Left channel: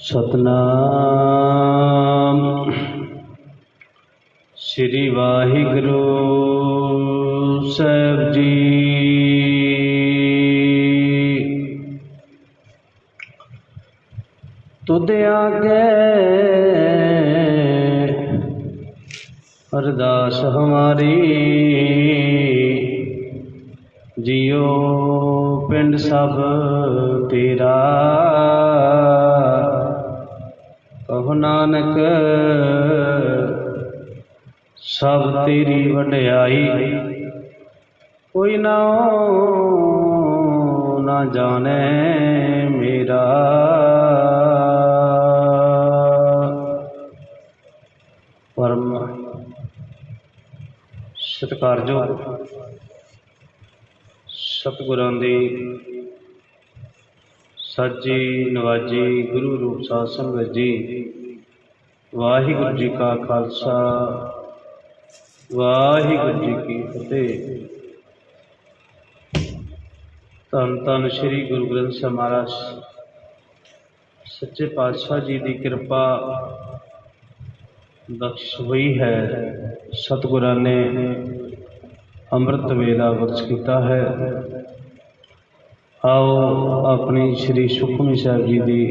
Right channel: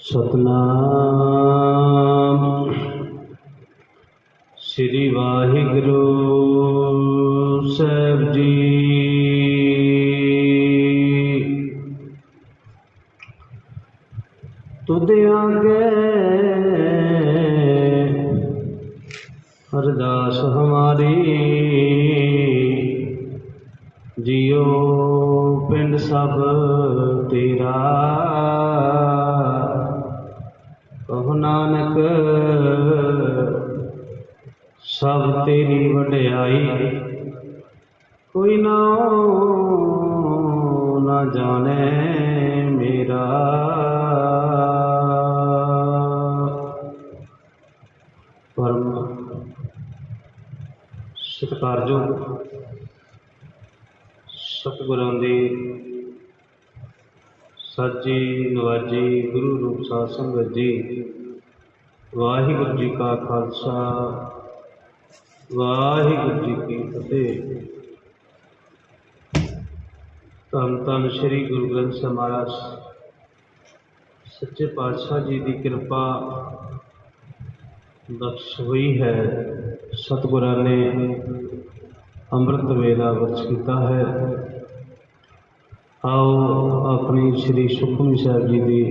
सतनाम श्री वाहिगुरु साहिब जी। तुद आगे अरदास हमारी, जियो पिंड सब तेरा। कहो नानक सब तेरी वड्याई, कोई ना जाने मेरा। परम सत्कारयोग सतगुरां दी साजी नवाजी गुरु रूप साध संगत जी। वाहिगुरु जी का खालसा, वाहिगुरु जी की फतेह। धन धन श्री गुरु ग्रंथ साहिब महाराज सच्चे पातशाह जी की कृपा बख्श हुई है। सतगुरां ने अमृत वेला बख्श किया है। आओ अपनी श्री सुखमनी साहिब जी की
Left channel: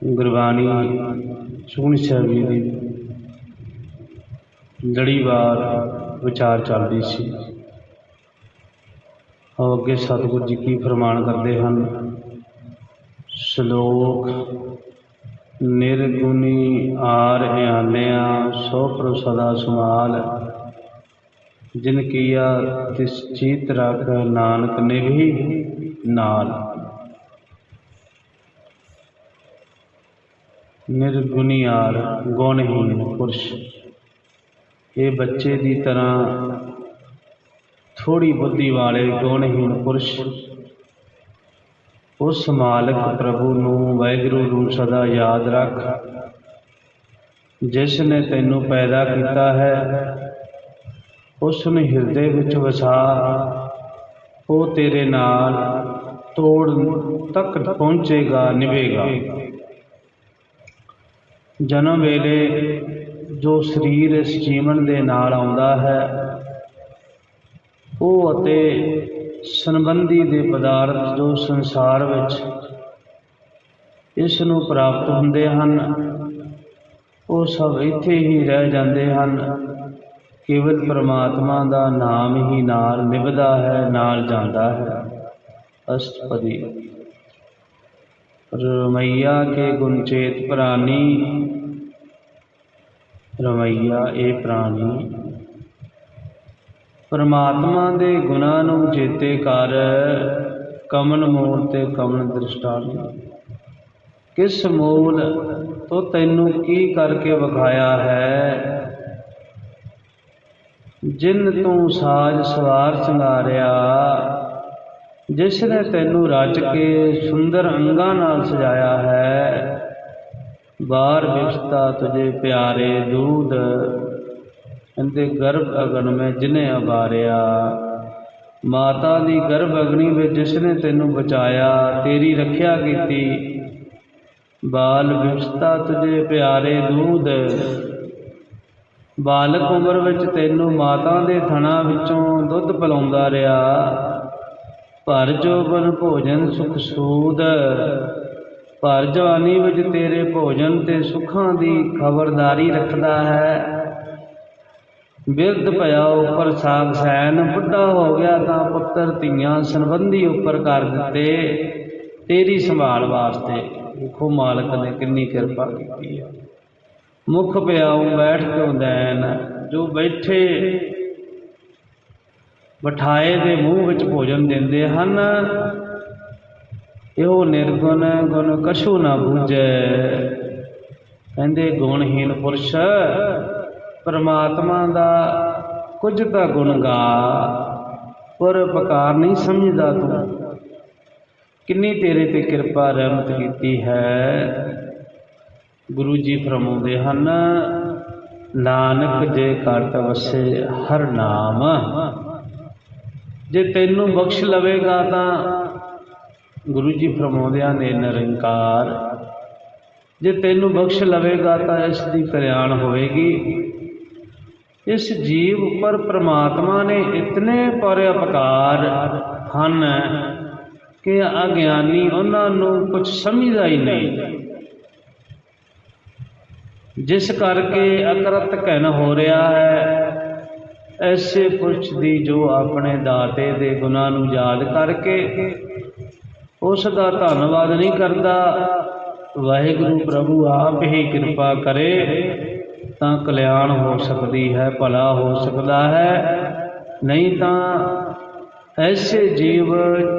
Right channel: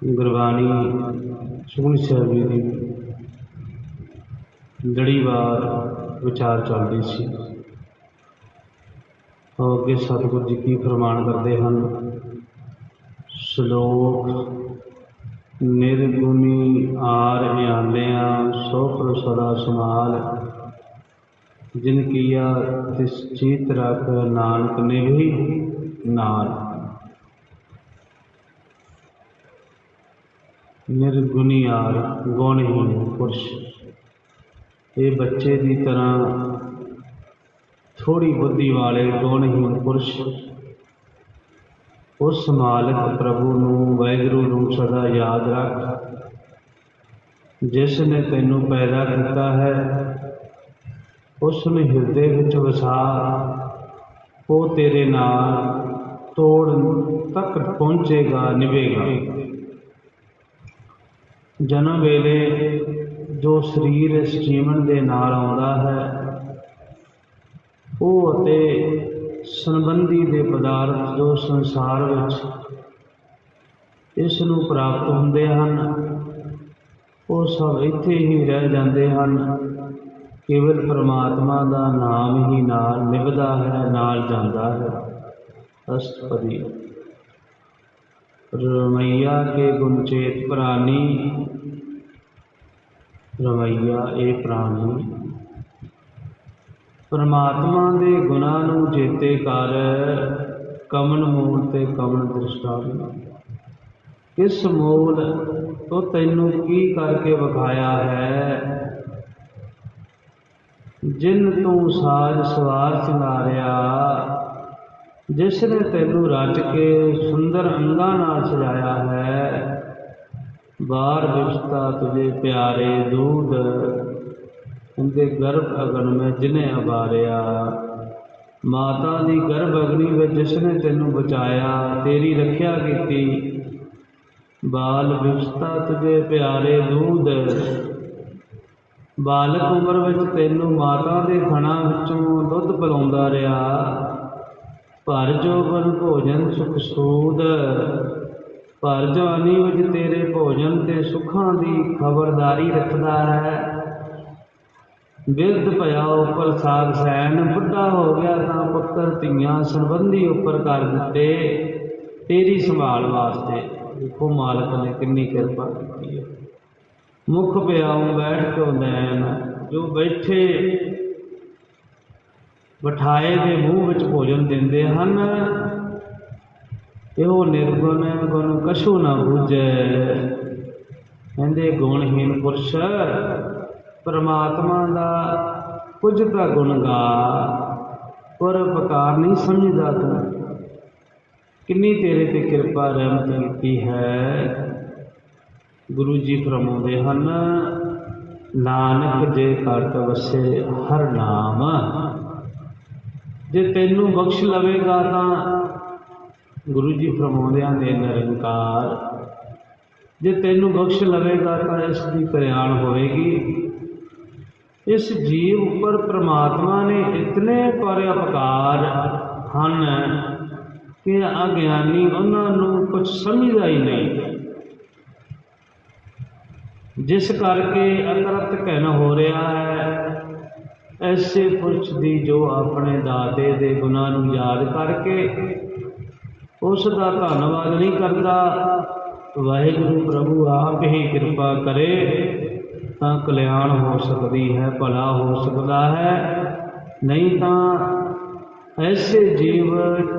गुरबाणी, सुखमनी साहिब जी की लड़ीवार विचार चल रही सी। आओ अगे सतगुरु जी की फरमान करते हैं। श्लोक निर्गुणी आर आन्या सो प्रभु सदा संभाल, जिन किया तिस चीत रख नानक ने भी नाल। निर्गुणियार गुणहीन पुरुष, ये बच्चे की तरह थोड़ी बुद्धि वाले गुणहीन पुरुष उस मालिक प्रभु नूं वाहिगुरू नूं सदा याद रख, जिसने तैनूं पैदा किया है। उसने हिरदे विच वसा, वो तेरे नाल तोड़ तक पहुँचेगा, निभेगा। जन्म वेले जो शरीर इस जीवन दे नाल आउंदा है, वो अते संबंधी दे पदार्थ जो संसार विच इस नूं प्राप्त हुंदे हन, वो सब इत्थे ही रह जांदे हन। केवल परमात्मा का नाम ही नाल निभदा है, नाल जांदा है। अष्टपदी। रमैया के गुण चेत प्राणी, रमैया ए प्राणी परमात्मा दे गुणां नूं चेते कर, कमन मूल ते कमन दृष्टांत। किस मूल तो तैनूं की करके विखाया है, जिन तू साज सवार संगारिया, जिसने तैनूं रच के सुंदर अंगां नाल सजाया है। बार विश्ता तुझे प्यारे दूध, इनके गर्भ अगन में जिन्हें अबारिया। माता दी गर्भ अग्नि में जिसने तैनूं बचाया, तेरी रखिया कीती। बाल विश्ता तुझे प्यारे दूध, बालक उम्र विच तैनूं माता दे थणा विचों दुध पिलाउंदा रहा। भर जोबन भोजन सुख सूद, भर जवानी विच तेरे भोजन ते सुखां दी खबरदारी रखदा है। बिरध पया उपर साग सैन, बुढ़ा हो गया तां पुत्र धीआं संबंधी उपर कर दिते, तेरी संभाल वास्ते। देखो मालिक ने कितनी कृपा की है। मुख प्याऊं बैठ क्यों दैन, जो बैठे बिठाए दे मूँह विच भोजन देंदे हन। इहो निर्गुण गुण कछू ना बूझे। कहंदे गुणहीन पुरुष परमात्मा का कुछ का गुण गा, पर पकार नहीं समझदा तू। किन्नी तेरे ते कृपा रहमत कीती है। गुरु जी फरमाउंदे हन, नानक जे घट वसे हर नाम। जे तैनूं बख्श लवेगा तां गुरु जी फरमाउंदियां ने निरंकार जे तैनू बख्श लवेगा तो इसकी कल्याण होएगी। इस जीव पर परमात्मा ने इतने परोपकार हन कि अज्ञानी उन्होंने कुछ समझदा ही नहीं, जिस करके अकरत कहन हो रहा है। ऐसे पुरुष दी जो अपने दाते दे गुनाह नूं याद करके उसका धन्नवाद नहीं करता, वाहिगुरु प्रभु आप ही कृपा करे तो कल्याण हो सकती है, भला हो सकता है। नहीं तो ऐसे जीव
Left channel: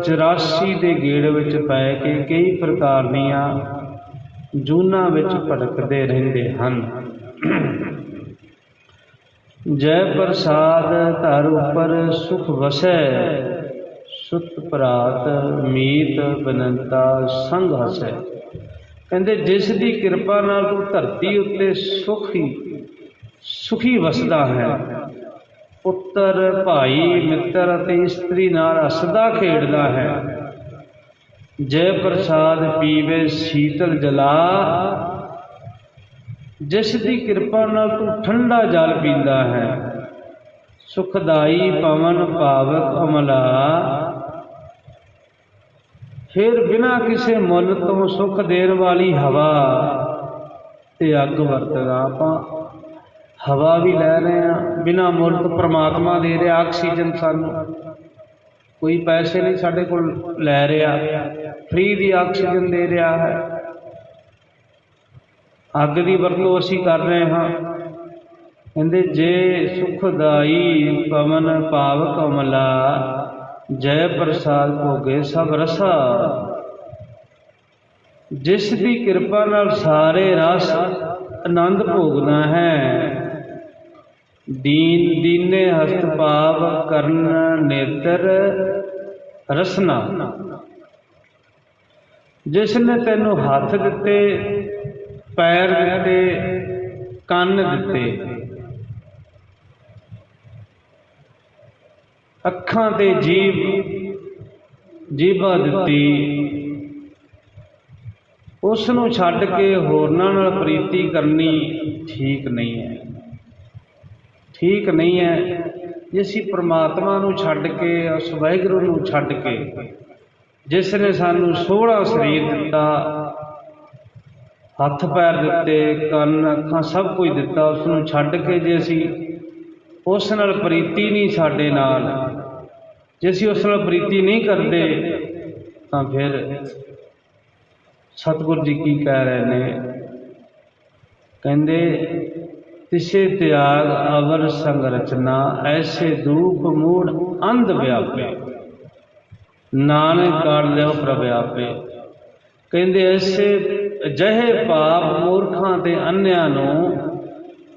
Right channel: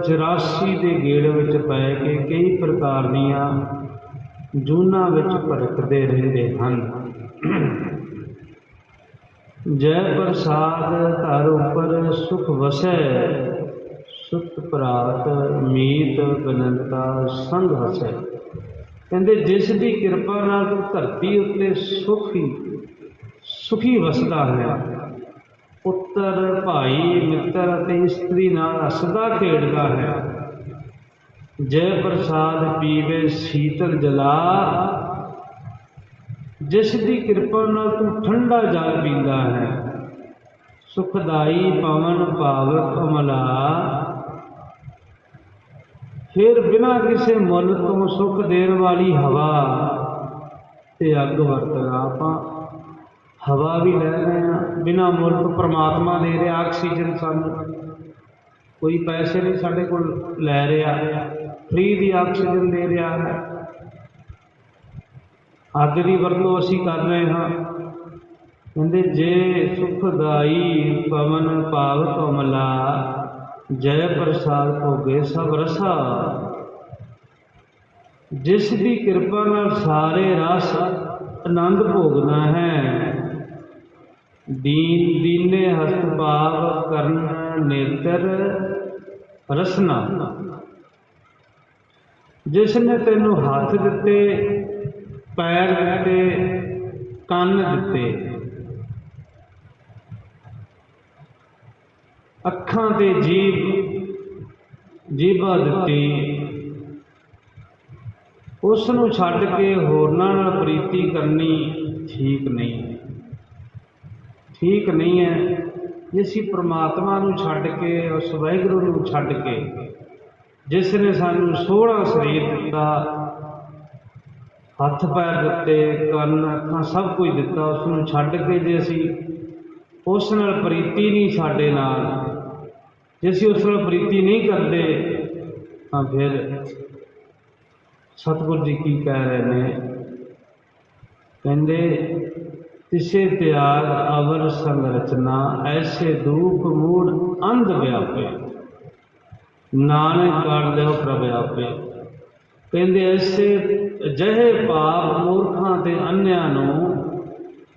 84 के गेड़ विच पै के कई प्रकार दीयां जूना विच भटकते रहते हैं। जय प्रसाद धर उपर सुख वसै, सुत प्रात मीत बिनता संग हसै। कहते जिस दी कृपा नाल तू धरती उत्ते सुखी वसदा है, पुत्र भाई मित्र ते इस्त्री नाल हसदा खेडदा है। जय प्रसाद पीवे शीतल जला, जिस दी कृपा नाल तू ठंडा जल पींदा है। सुखदाई पवन पावक अमला, फिर बिना किसी मुल तो सुख देने वाली हवा ते अग वरतदा। आपां हवा भी लै रहे हैं बिना मुल तो, परमात्मा दे रहा ऑक्सीजन सानू, कोई पैसे नहीं साडे कोल लै रहा, फ्री दी ऑक्सीजन दे रहा है। अग की वरतों असीं कर रहे हाँ। कहते जे सुखदाई पवन पावक अमला, जय प्रसाद भोगे सब रसा। जिस दी कृपा नाल सारे रस आनंद भोगना है। दीन दीने हस्त भाव करन नेत्र रसना, जिसने तेनू हाथ दिते पैर दिते कन दिते अखां ते जीभा दिती, उसनूं छड्ड के होरनां नाल प्रीति करनी ठीक नहीं है। ठीक नहीं है जे असीं परमात्मा नूं छड्ड के उस वाहिगुरू नूं छड्ड के, जिसने सानूं 16 शरीर दिता, हथ पैर दिते कन अखां सब कुछ दिता, उसनूं छड्ड के जे असीं उस नाल प्रीति नहीं साडे नाल, जे असीं उस नाल प्रीति नहीं करते तो फिर सतगुरु जी की कह रहे हैं। कहते तिसे त्याग अवर संग रचना, ऐसे धूप मूड अंध व्यापे, नानक कर लियो प्रभ आपे। कहते ऐसे अजिहे पाप मूर्खां ते अन्यां नूं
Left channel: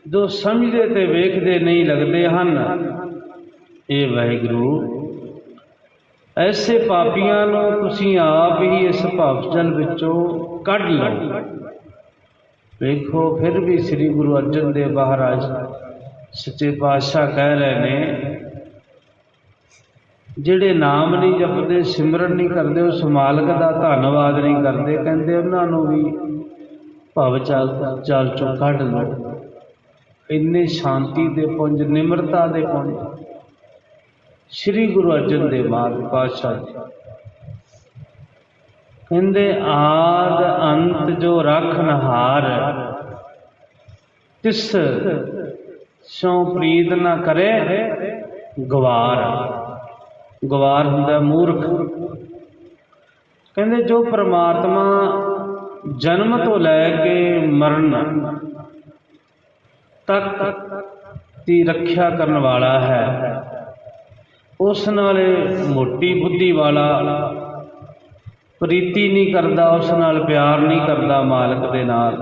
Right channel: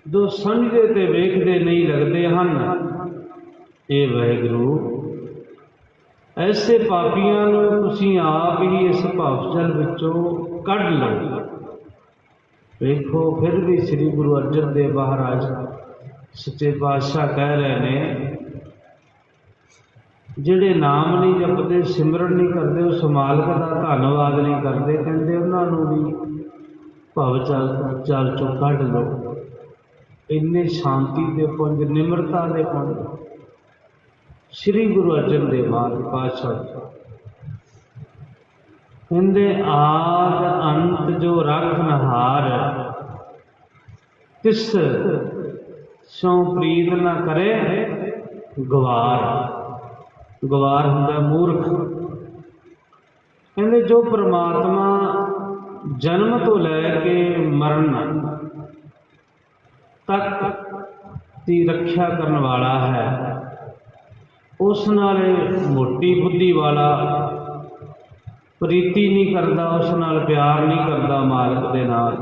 जो समझते ते वेखते नहीं लगते हैं। ये वाहिगुरू ऐसे पापियां नूं तुसीं आप ही इस भवजल विचों कढ लो। देखो फिर भी श्री गुरु अर्जन देव महाराज सच्चे पातशाह कह रहे हैं, जिहड़े नाम नहीं जपते सिमरन नहीं करते उस मालक का धन्नवाद नहीं करते, कहते उन्होंने भी भव जल चों कढ लो। इन्ने शांति दे पुंज निमरता दे पुंज श्री गुरु अर्जन देव महाराज पातशाह कहते आद अंत जो रखनहार, तिस सो प्रीत न करे गवार। गवार हुंदा मूर्ख। कहते जो परमात्मा जन्म तो लैके मरण तक की रक्षा करने वाला है, उस नाल मोटी बुद्धि वाला प्रीति नहीं करता, उस नाल प्यार नहीं करता मालक दे नाल।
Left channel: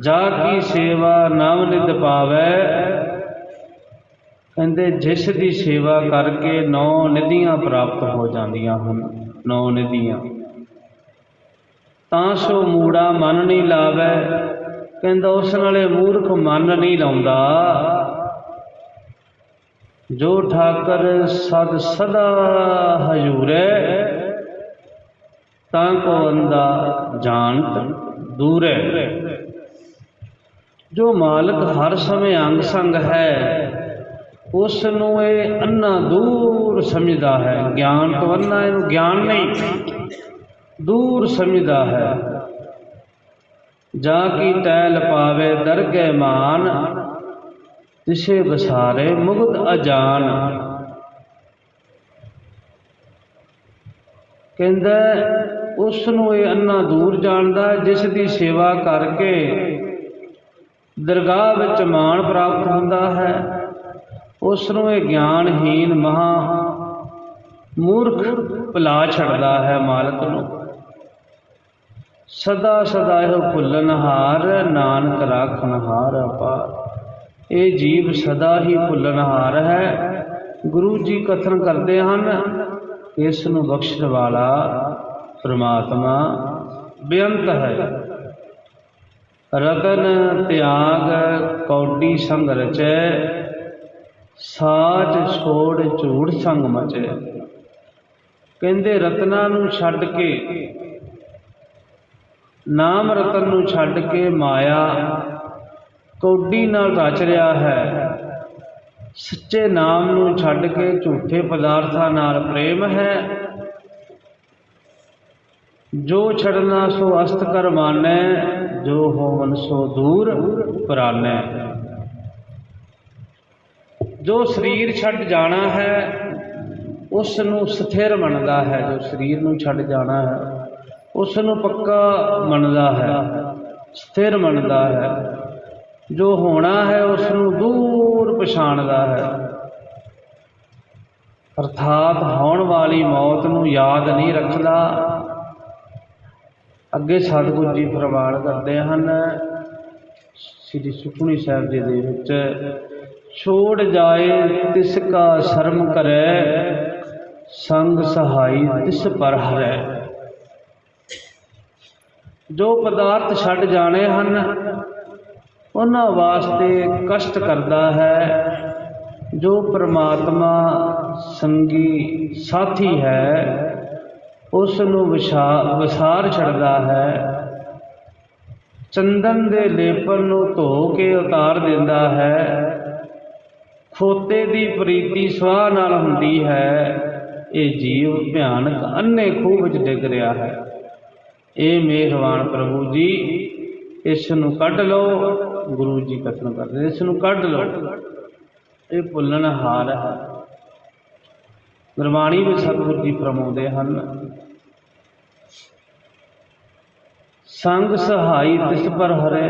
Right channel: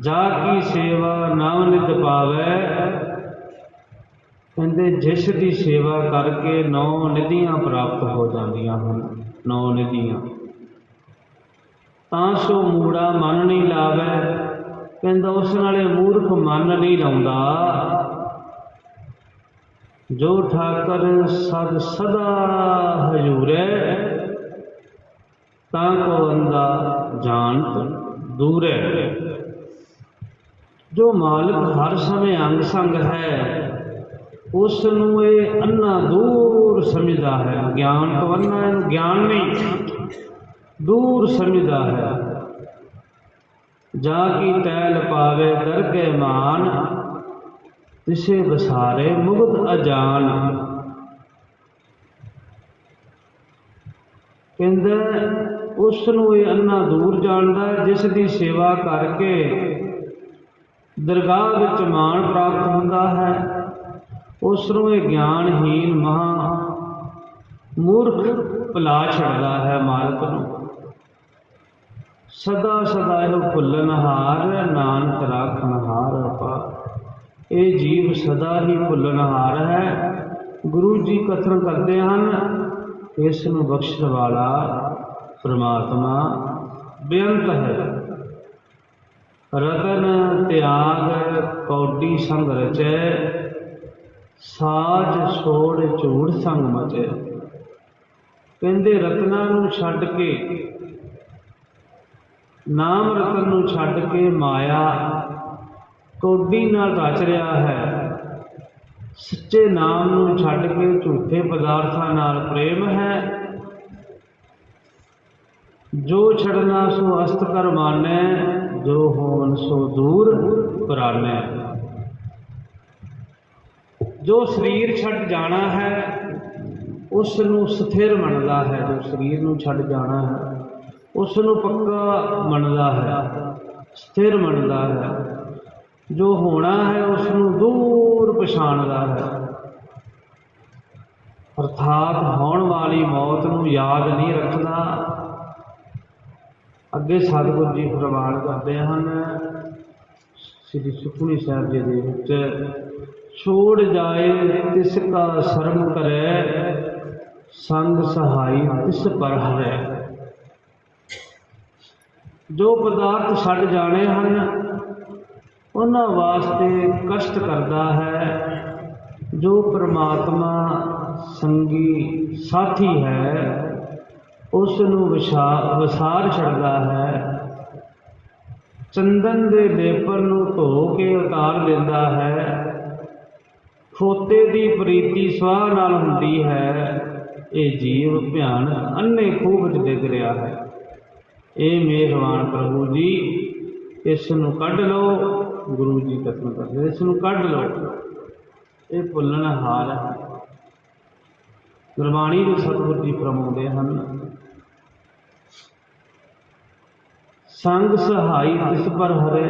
जा की सेवा नव नित पावै, कहते जिस दी सेवा करके 9 निधियां प्राप्त हो जांदियां हन। 9 निधियां तां सो मूड़ा मन नहीं लावै, कहता उस नाले मूर्ख मन नहीं लाउंदा। जो ठाकर सद सदा हजूरै, ਤਾਂ ਕੋ ਅੰਦਾ ਜਾਣਤ ਦੂਰੇ। ਜੋ ਮਾਲਕ ਹਰ ਸਮੇਂ ਅੰਗ ਸੰਗ ਹੈ, ਉਸ ਨੂੰ ਇਹ ਅੰਨਾ ਦੂਰ ਸਮਝਦਾ ਹੈ। ਗਿਆਨ ਤੋਂ ਅੰਨਾ ਇਹਨੂੰ ਗਿਆਨ ਨਹੀਂ, ਦੂਰ ਸਮਝਦਾ ਹੈ। ਜਾ ਕੀ ਟੈਲ ਪਾਵੇ ਦਰਗਹਿ ਮਾਨ, ਤਿਸੇ ਵਸਾਰੇ ਮੁਗਧ ਅਜਾਨ। ਕਹਿੰਦਾ ਉਸ ਨੂੰ ਇਹ ਅੰਨਾ ਦੂਰ ਜਾਣਦਾ, ਜਿਸ ਦੀ ਸੇਵਾ ਕਰਕੇ ਦਰਗਾਹ ਵਿੱਚ ਮਾਣ ਪ੍ਰਾਪਤ ਹੁੰਦਾ ਹੈ। ਉਸ ਨੂੰ ਇਹ ਗਿਆਨਹੀਨ ਮਹਾ ਮੂਰਖ ਭੁਲਾ ਛੱਡਦਾ ਹੈ ਮਾਲਕ ਨੂੰ। ਸਦਾ ਸਦਾ ਇਹੋ ਭੁੱਲਣਹਾਰ, ਨਾਨਕ ਰਾਖਣਹਾਰ ਅਪਾਰ। ਇਹ ਜੀਵ ਸਦਾ ਹੀ ਭੁੱਲਣਹਾਰ ਹੈ। ਗੁਰੂ ਜੀ ਕਥਨ ਕਰਦੇ ਹਨ, ਇਸ ਨੂੰ ਬਖਸ਼ਣ ਵਾਲਾ ਪ੍ਰਮਾਤਮਾ ਬੇਅੰਤ ਹੈ। ਰਤਨ ਤਿਆਗ ਕੌਡੀ ਸੰਗ ਰਚੈ, ਸਾਜ ਛੋੜ ਝੂਠ ਸੰਗ ਮਚੈ। ਕਹਿੰਦੇ ਰਤਨਾਂ ਨੂੰ ਛੱਡ ਕੇ, ਨਾਮ ਰਤਨ ਨੂੰ ਛੱਡ ਕੇ ਮਾਇਆ ਕੌਡੀ ਨਾਲ ਰਚ ਰਿਹਾ ਹੈ। ਸੱਚੇ ਨਾਮ ਨੂੰ ਛੱਡ ਕੇ ਝੂਠੇ ਪਦਾਰਥਾਂ ਨਾਲ ਪ੍ਰੇਮ ਹੈ। ਜੋ ਛੱਡਣਾ ਸੋ ਅਸਤ ਕਰ ਮਾਨੈ, ਜੋ ਹੋਵਨ ਸੋ ਦੂਰ ਪਰਾਨੈ। ਜੋ ਸਰੀਰ ਛੱਡ ਜਾਣਾ ਹੈ, ਉਸ ਨੂੰ ਸਥਿਰ ਮੰਨਦਾ ਹੈ। ਜੋ ਸਰੀਰ ਨੂੰ ਛੱਡ ਜਾਣਾ ਹੈ, ਉਸ ਨੂੰ ਪੱਕਾ ਮੰਨਦਾ ਹੈ, ਸਥਿਰ ਮੰਨਦਾ ਹੈ। ਜੋ ਹੋਣਾ ਹੈ, ਉਸ ਨੂੰ ਦੂਰ ਪਛਾਣਦਾ ਹੈ। ਅਰਥਾਤ ਹੋਣ ਵਾਲੀ ਮੌਤ ਨੂੰ ਯਾਦ ਨਹੀਂ ਰੱਖਦਾ। ਅੱਗੇ ਸਤਿਗੁਰੂ ਜੀ ਫਰਮਾਨ ਕਰਦੇ ਹਨ ਸ੍ਰੀ ਸੁਖਮਨੀ ਸਾਹਿਬ ਜੀ ਦੇ ਵਿੱਚ, ਛੋੜ ਜਾਏ ਤਿਸ ਕਾ ਸ਼ਰਮ ਕਰੈ, ਸੰਗ ਸਹਾਈ ਤਿਸ ਪਰ ਹਰੈ। ਜੋ ਪਦਾਰਥ ਛੱਡ ਜਾਣੇ ਹਨ, ਉਹਨਾਂ ਵਾਸਤੇ ਕਸ਼ਟ ਕਰਦਾ ਹੈ। ਜੋ ਪ੍ਰਮਾਤਮਾ ਸੰਗੀ ਸਾਥੀ ਹੈ, ਉਸ ਨੂੰ ਵਿਸਾਰ ਛੱਡਦਾ ਹੈ। ਚੰਦਨ ਦੇ ਲੇਪਨ ਨੂੰ ਧੋ ਕੇ ਉਤਾਰ ਦਿੰਦਾ ਹੈ। ਖੋਤੇ ਦੀ ਪ੍ਰੀਤੀ ਸਵਾਹ ਨਾਲ ਹੁੰਦੀ ਹੈ। ਇਹ ਜੀਵ ਭਿਆਨਕ ਅੰਨੇ ਖੂਹ ਵਿੱਚ ਡਿੱਗ ਰਿਹਾ ਹੈ। ਇਹ ਮਿਹਰਬਾਨ ਪ੍ਰਭੂ ਜੀ, ਇਸ ਨੂੰ ਕੱਢ ਲਓ। ਗੁਰੂ ਜੀ ਕਥਨ ਕਰਦੇ, ਇਸ ਨੂੰ ਕੱਢ ਲਓ। ਇਹ ਭੁੱਲਣਹਾਰ ਹੈ। ਗੁਰਬਾਣੀ ਵਿੱਚ ਸਤਿਗੁਰੂ ਜੀ ਫਰਮਾਉਂਦੇ ਹਨ, ਸੰਗ ਸਹਾਈ ਤਿਸ ਪਰ ਹਰੇ,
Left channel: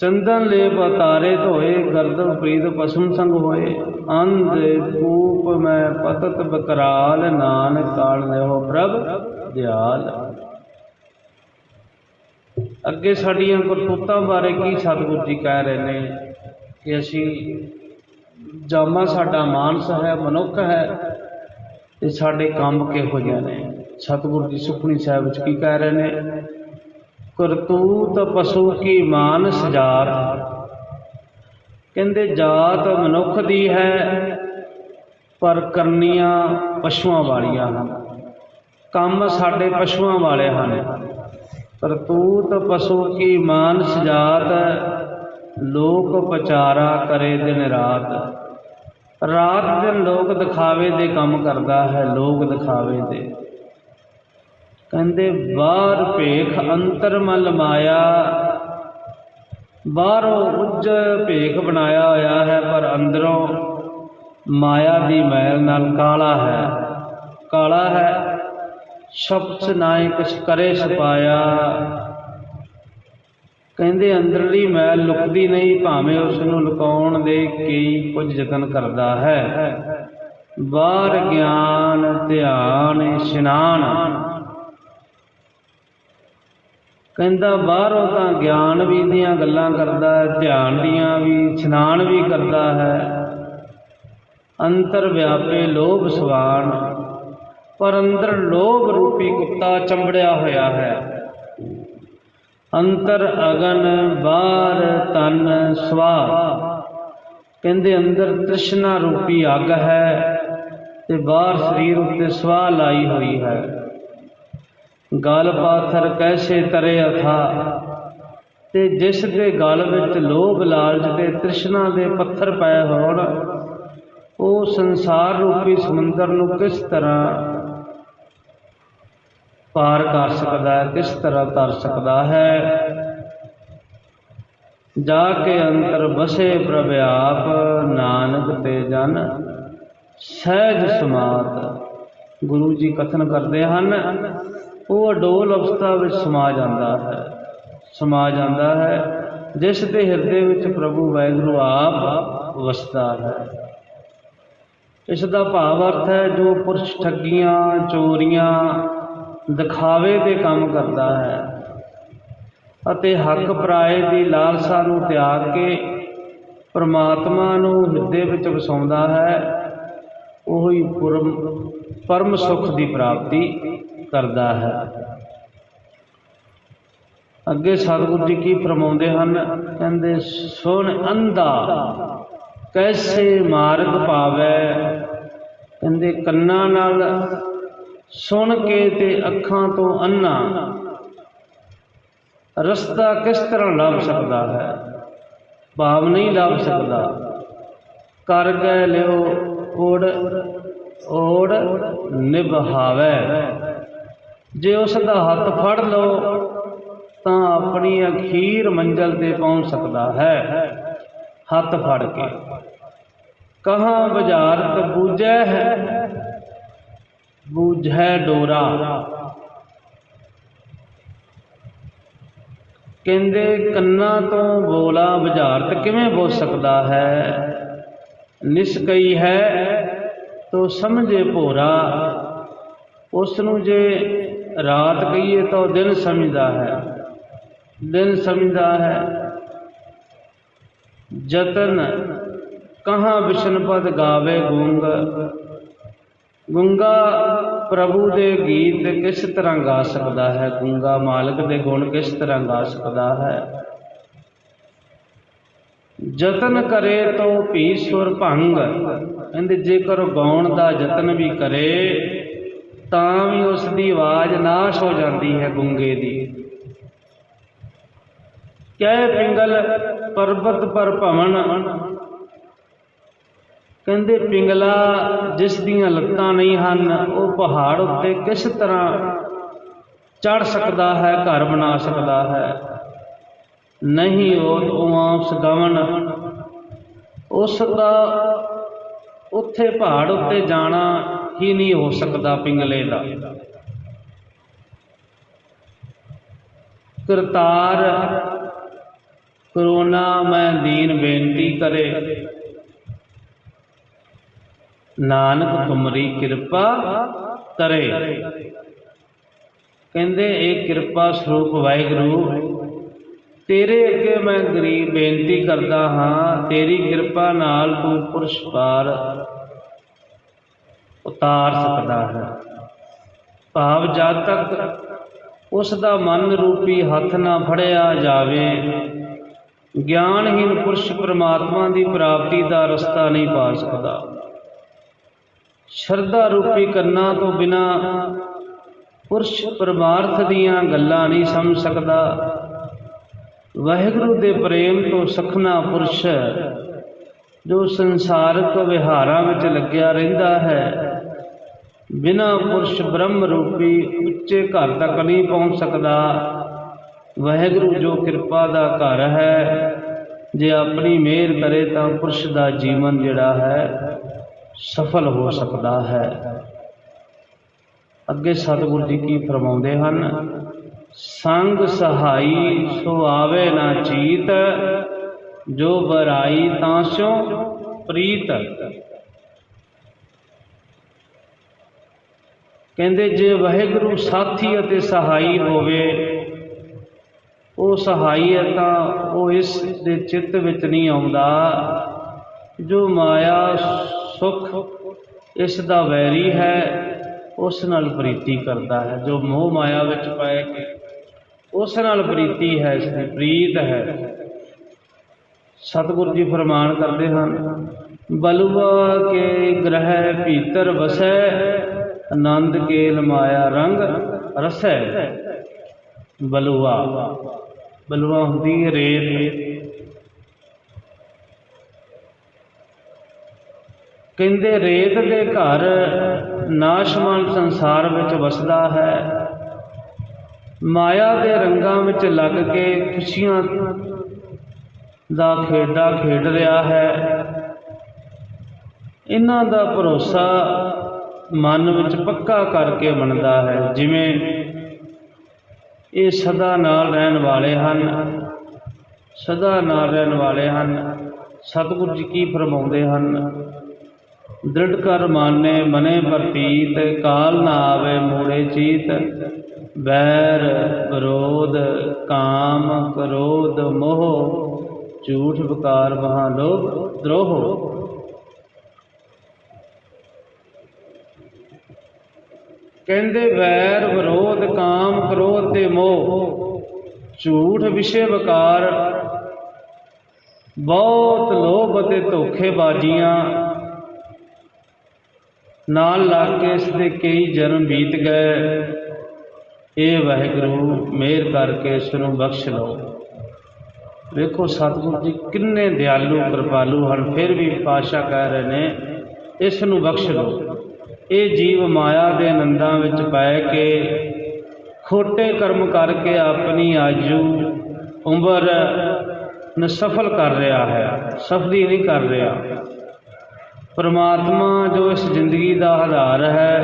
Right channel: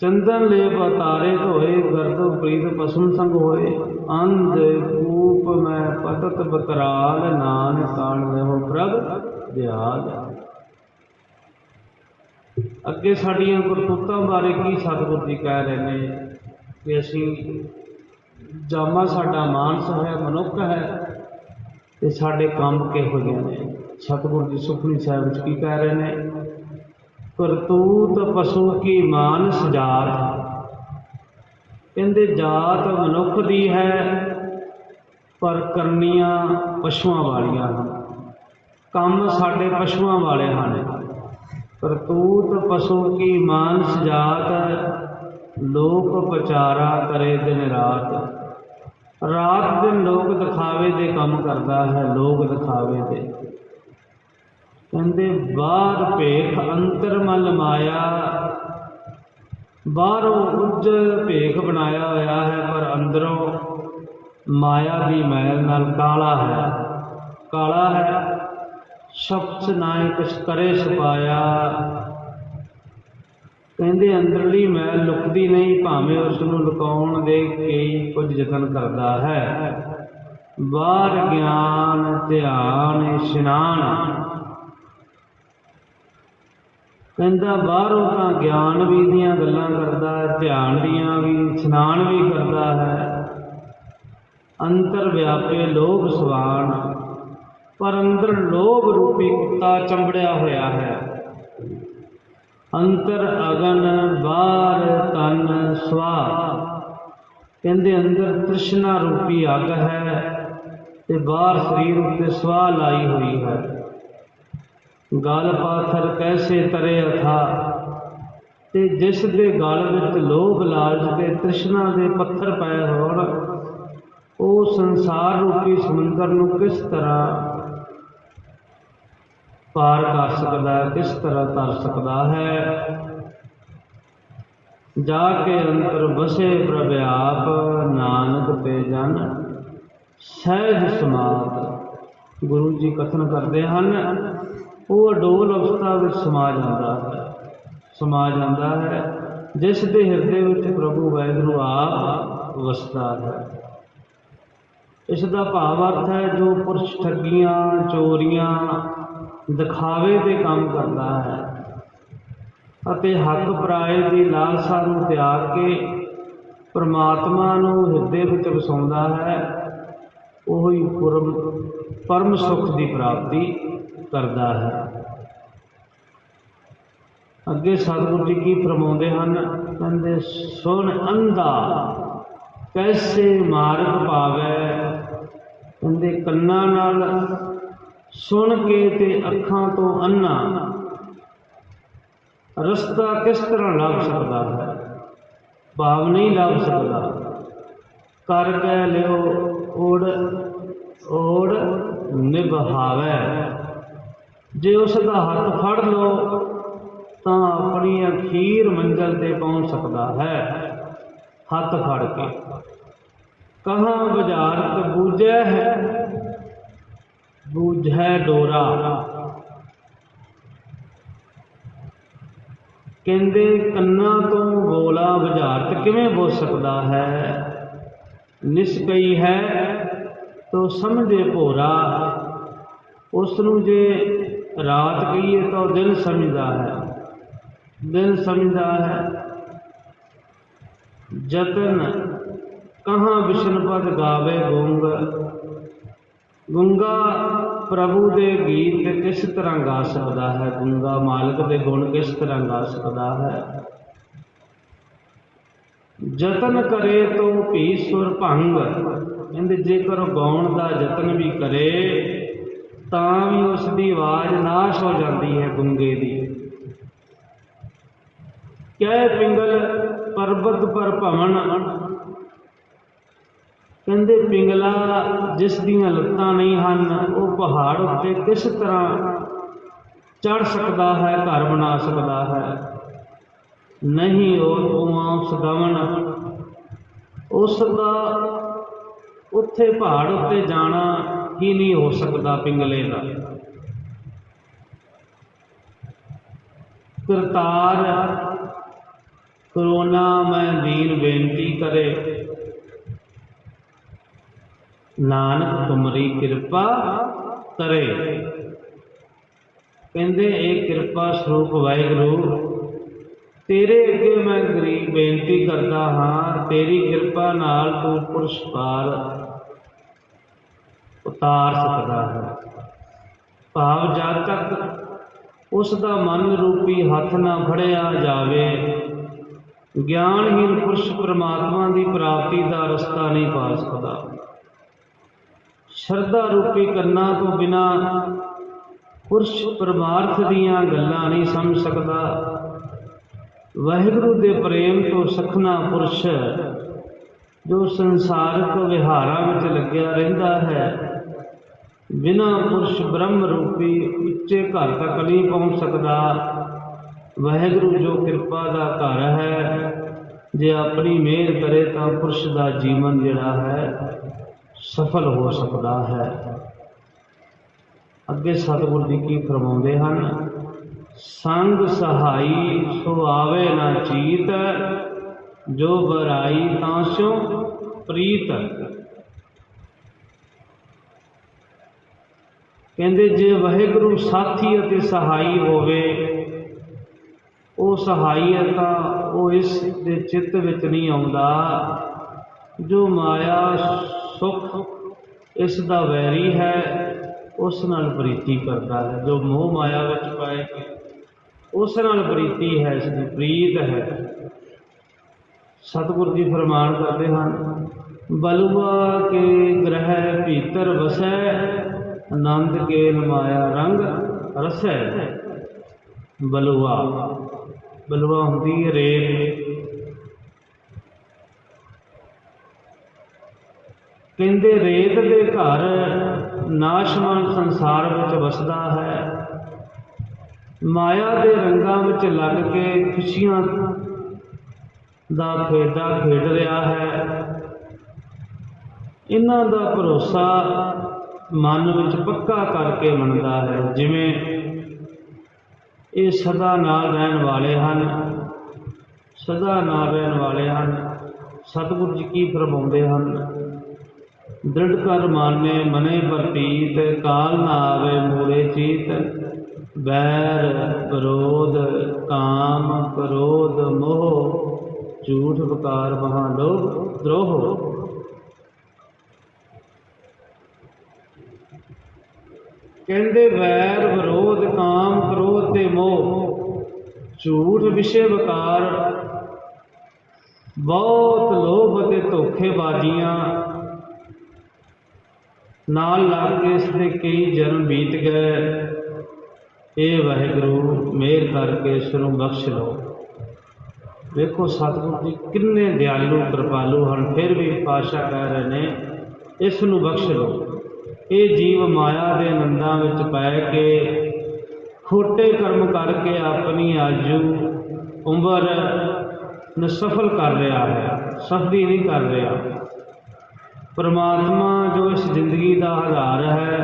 ਚੰਦਨ ਲੇਪ ਅਤਾਰੇ ਧੋਏ, ਗਰਦਨ ਪ੍ਰੀਤ ਪਸਮ ਸੰਗ ਹੋਏ। ਅੰਧ ਕੂਪ ਮੈਂ ਪਤਤ ਬਕਰਾਲ, ਨਾਨਕ ਕਾਲ ਦੇਹੋ ਪ੍ਰਭ ਦਿਆਲ। ਅੱਗੇ ਸਾਡੀਆਂ ਕਰਤੂਤਾਂ ਬਾਰੇ ਕੀ ਸਤਿਗੁਰੂ ਜੀ ਕਹਿ ਰਹੇ ਨੇ ਕਿ ਅਸੀਂ ਜਾਮਾ ਸਾਡਾ ਮਾਨਸ ਹੈ, ਮਨੁੱਖ ਹੈ, ਤੇ ਸਾਡੇ ਕੰਮ ਕਿਹੋ ਜਿਹੇ ਨੇ। ਸਤਿਗੁਰੂ ਜੀ ਸੁਖਮਨੀ ਸਾਹਿਬ ਵਿੱਚ ਕੀ ਕਹਿ ਰਹੇ ਨੇ, ਕਰਤੂਤ ਪਸ਼ੂ ਕੀ ਮਾਨਸ ਜਾਤ। ਕਹਿੰਦੇ ਜਾਤ ਮਨੁੱਖ ਦੀ ਹੈ, ਪਰ ਕਰਨੀਆਂ ਪਸ਼ੂਆਂ ਵਾਲੀਆਂ ਹਨ। ਕੰਮ ਸਾਡੇ ਪਸ਼ੂਆਂ ਵਾਲੇ ਹਨ। ਕਰਤੂਤ ਪਸ਼ੂ ਕੀ ਮਾਨਸ ਜਾਤ, ਲੋਕ ਪਚਾਰਾ ਕਰੇ ਦਿਨ ਰਾਤ। ਰਾਤ ਦਿਨ ਲੋਕ ਦਿਖਾਵੇ ਦੇ ਕੰਮ ਕਰਦਾ ਹੈ, ਲੋਕ ਦਿਖਾਵੇ ਦੇ। ਕਹਿੰਦੇ ਬਾਹਰ ਭੇਖ ਅੰਤਰ ਮਲ ਮਾਇਆ, ਬਾਹਰੋਂ ਉੱਜ ਭੇਖ ਬਣਾਇਆ ਹੋਇਆ ਹੈ, ਪਰ ਅੰਦਰੋਂ ਮਾਇਆ ਦੀ ਮੈਲ ਨਾਲ ਕਾਲਾ ਹੈ, ਕਾਲਾ ਹੈ। ਸ਼ਬਦ ਨਾਏ ਕੁਛ ਕਰੇ ਛੁਪਾਇਆ। ਕਹਿੰਦੇ ਅੰਦਰਲੀ ਮੈਲ ਲੁਕਦੀ ਨਹੀਂ, ਭਾਵੇਂ ਉਸ ਨੂੰ ਲੁਕਾਉਣ ਦੇ ਕਈ ਕੁਝ ਯਤਨ ਕਰਦਾ ਹੈ। ਬਾਹਰ ਗਿਆਨ ਧਿਆਨ ਇਸ਼ਨਾਨ। ਕਹਿੰਦਾ ਬਾਹਰੋਂ ਤਾਂ ਗਿਆਨ ਵੀ ਦੀਆਂ ਗੱਲਾਂ ਕਰਦਾ ਹੈ, ਧਿਆਨ ਦੀਆਂ ਵੀ, ਇਸ਼ਨਾਨ ਵੀ ਕਰਦਾ ਹੈ। ਅੰਤਰ ਵਿਆਪੇ ਲੋਭ ਸਵਾਨ, ਪਰ ਅੰਦਰ ਲੋਭ ਰੂਪੀ ਕੁੱਤਾ ਚੰਬੜਿਆ ਹੋਇਆ ਹੈ। ਅੰਤਰ ਅਗਨ ਬਾਹਰ ਤਨ ਸਵਾ। ਕਹਿੰਦੇ ਅੰਦਰ ਤ੍ਰਿਸ਼ਨਾ ਰੂਪੀ ਅੱਗ ਹੈ, ਤੇ ਬਾਹਰ ਸਰੀਰ ਉੱਤੇ ਸਵਾਹ ਲਾਈ ਹੋਈ ਹੈ। गल पाथर कैसे तरे अथा, ते जिस दे गल विच लोभ लालच ते तृष्णा दे पत्थर पए होण, वो संसार रूपी समुंदर नूं किस तरह पार कर सकदा है, किस तरह तर सकदा है। जाके अंतर बसे प्रभ आप, नानक ते जन सहज समात। गुरु जी कथन करते हैं, वो अडोल अवस्था में समा जाता है जिस दे हिरदे विच प्रभु वाहिगुरु आप वसदा है। इसका भाव अर्थ है, जो पुरुष ठगियां चोरियां दिखावे के काम करता है अते हक पराए की लालसा नूं त्याग के परमात्मा नूं हिरदे विच वसाउंदा है, वही परम सुख की प्राप्ति करता है। अगे सतगुरु जी की फरमाउंदे हन, कहंदे सुन अंधा कैसे मार्ग पावै। कहंदे कन्नां नाल सुन के ते अखां तो अन्ना रस्ता किस तरह लभ सकता है, भाव नहीं लभ सकता। कर गए लियो ओड़ ओड़ निभावै, जे उसका हथ फड़ लो तो अपनी अखीर मंजिल ते पहुँच सकता है। हथ फड़ के कहाँ बुझारत बूझै है, बूझै डोरा। कहते कन्ना तो बोला बुझारत किवें बोल सकता है, निस्कई है तो समझे भोरा। उसनूं जे रात कहिए तो दिन समझदा है, दिन समझदा है। जतन कहाँ विष्णुपद गावे गूंग, गूंगा प्रभु दे गीत किस तरह गा सकता है, गूंगा मालिक दे गुण किस तरह गा सकता है। जतन करे तो भी सुर भंग, कहते जेकर गाउण का जतन भी करे तां भी उसकी आवाज़ नाश हो जाती है गूंगे की। कह पिंगल पर्वत पर भवन, कहते पिंगला जिस दियां लत्तां नहीं हन, वो पहाड़ उत्ते किस तरह चढ़ सकता है, घर बना सकता है। नहीं उस गवन उसका उत्थे पहाड़ उत्ते जाना ही नहीं हो सकता पिंगले का। करतार करोना मैं दीन बेनती करे, नानक तुमरी कृपा करे। कहते एक कृपा स्वरूप वाहिगुरु तेरे अगे मैं गरीब बेनती करता हाँ, तेरी कृपा नाल तू पुरुष पार उतार सकता है। भाव जद तक उसका मन रूपी हथ ना फड़िया जावे, ज्ञानहीन पुरुष परमात्मा की प्राप्ति का रस्ता नहीं पा सकता। श्रद्धा रूपी करना तो बिना पुरुष परमार्थ दियां गल्लां नहीं समझ सकता। वाहिगुरु दे प्रेम तो सखना पुरुष जो संसारिक विहारां विच लग्या रहिंदा है, बिना पुरुष ब्रह्म रूपी उच्चे घर तक नहीं पहुँच सकता। वाहिगुरु जो कृपा का घर है, जे अपनी मेहर करे तो पुरुष का जीवन जिहड़ा है सफल हो सकता है। अगे सतगुरु जी की फरमाउंदे हन, संग सहाई सो आवे ना चीत, जो बराई तांसो प्रीत। कहते जे वाहिगुरु साथी अते सहाई होवे, वो सहाई है तो वो इस दे चित्त विच नहीं आउंदा। जो माया सुख इसका वैरी है, उस नाल प्रीति करता है। जो मोह माया विच पाए उस नाल प्रीति है, इसकी प्रीत है। सतगुरु जी फरमान करते हैं, बलुआ के ग्रह भीतर वसै, आनंद केल माया रंग रसै बलुआ, बलुआ हुंदी रेत। कहंदे रेत दे घर नाशमान संसार विच वसदा है, माया दे रंगां विच लग के खुशियां दा खेडा खेड रहा है। इन्हां दा भरोसा मन विच पक्का करके मनदा है, जिवें ये सदा नाल रहन वाले हन, सदा नाल रहन वाले हन। सतगुरु जी की फरमाउंदे हन, दृढ़ कर माने मने प्रतीत, काल ना आवे मूड़े चीत। बैर विरोध काम क्रोध मोह, झूठ विकार वहाँ लोभ द्रोह। कहंदे वैर विरोध काम क्रोध ते मोह, झूठ विषय विकार, बहुत लोभ ते धोखेबाजियां नाल लग के इसके कई जन्म बीत गए। ये वाहिगुरू मेहर करके इसनूं बख्श लो। वेखो सतगुरु जी किन्ने दयालु कृपालु हैं, फिर भी पातशाह कह रहे ने इसनूं बख्श लो। ये जीव माया के नंदां विच पै के खोटे कर्म करके अपनी आजू उम्र नसफल कर रहा है, सफली नहीं कर रहा। परमात्मा जो इस जिंदगी का आधार है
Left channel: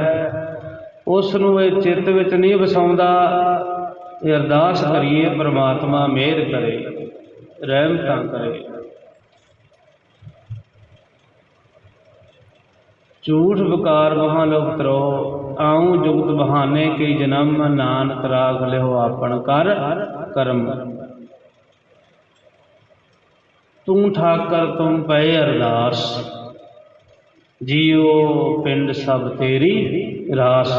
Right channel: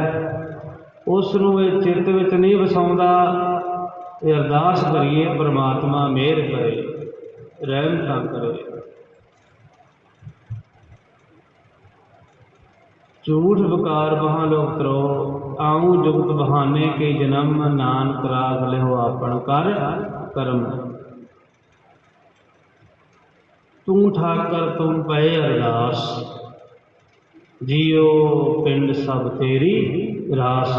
उसनूं ये चित्त विच नहीं वसाउंदा। ये अरदास करिए परमात्मा मेहर करे, रहमतां करे। झूठ विकार वहाँ लोग त्रो, आऊँ जुगत बहाने के जन्म, नानक राग लिहो आपन कर कर्म। तू ठाकर तुम पए अरदास, जियो पिंड सब तेरी रास।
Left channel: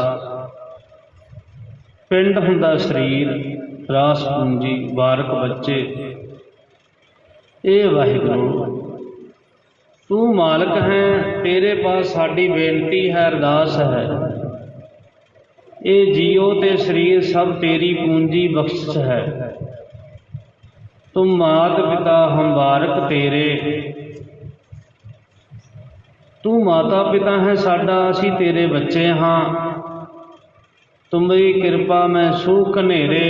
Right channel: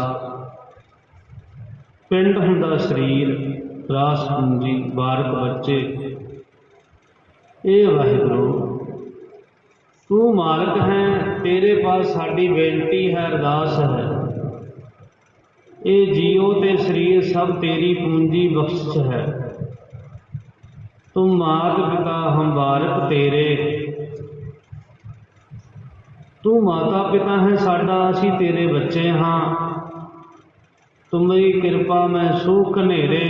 पिंड हुंदा शरीर, रास पूंजी बारक बच्चे। ये वाहिगुरू तू मालिक है, तेरे पास साड़ी बेनती है अरदास है। ये जियो ते शरीर सब तेरी पूंजी बख्शिश है। तुम मात पिता हम बारक तेरे, तू माता पिता है साडा, असी तेरे बच्चे हाँ। तुमरी कृपा में सुख नेरे,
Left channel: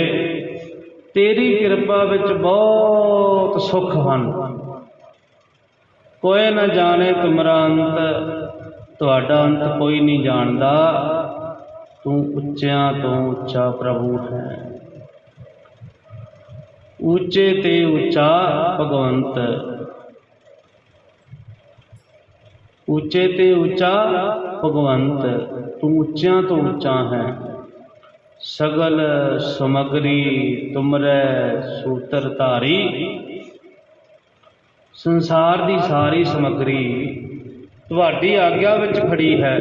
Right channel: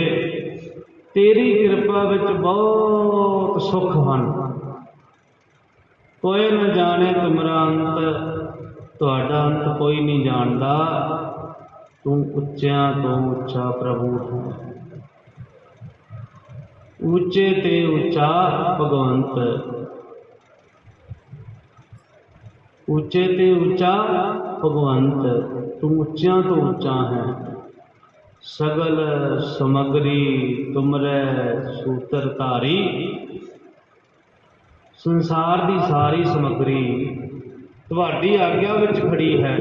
तेरी कृपा विच बहुत सुख हैं। कोई न जाने तुमरा अंत, तुहाडा अंत कोई नहीं जानदा। तू उच्चियां तो उच्चा प्रभु है, ऊंचे ते उच्चा भगवंत। ऊंचे ते उच्चा भगवंत, तू उच्चियां तो उच्चा है। सगल समगरी तुमरे सूत्र धारी, संसार की सारी समगरी तुहाडी आग्या विच खड़ी है।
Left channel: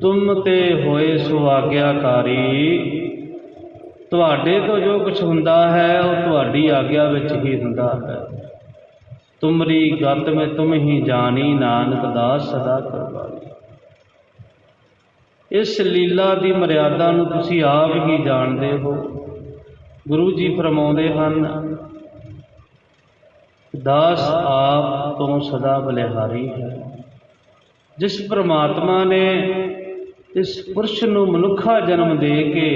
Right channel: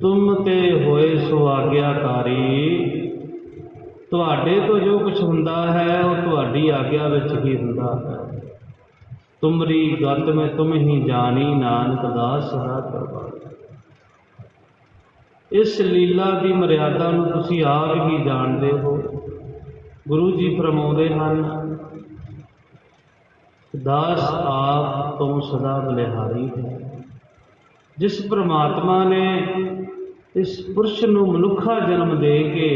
तुम ते होए सो आग्याकारी, तुहाडे तो जो कुछ हुंदा है वह तुहाडी आग्या विच ही हुंदा है। तुमरी गत में तुम ही जानी, नानक दास सदा करवाई। इस लीला की मर्यादा नूं तुसीं आप ही जानते हो। गुरु जी फरमाउंदे हन, दास आप तो सदा बलिहारी है। जिस परमात्मा ने इस पुरुष नूं मनुखा जन्म दे के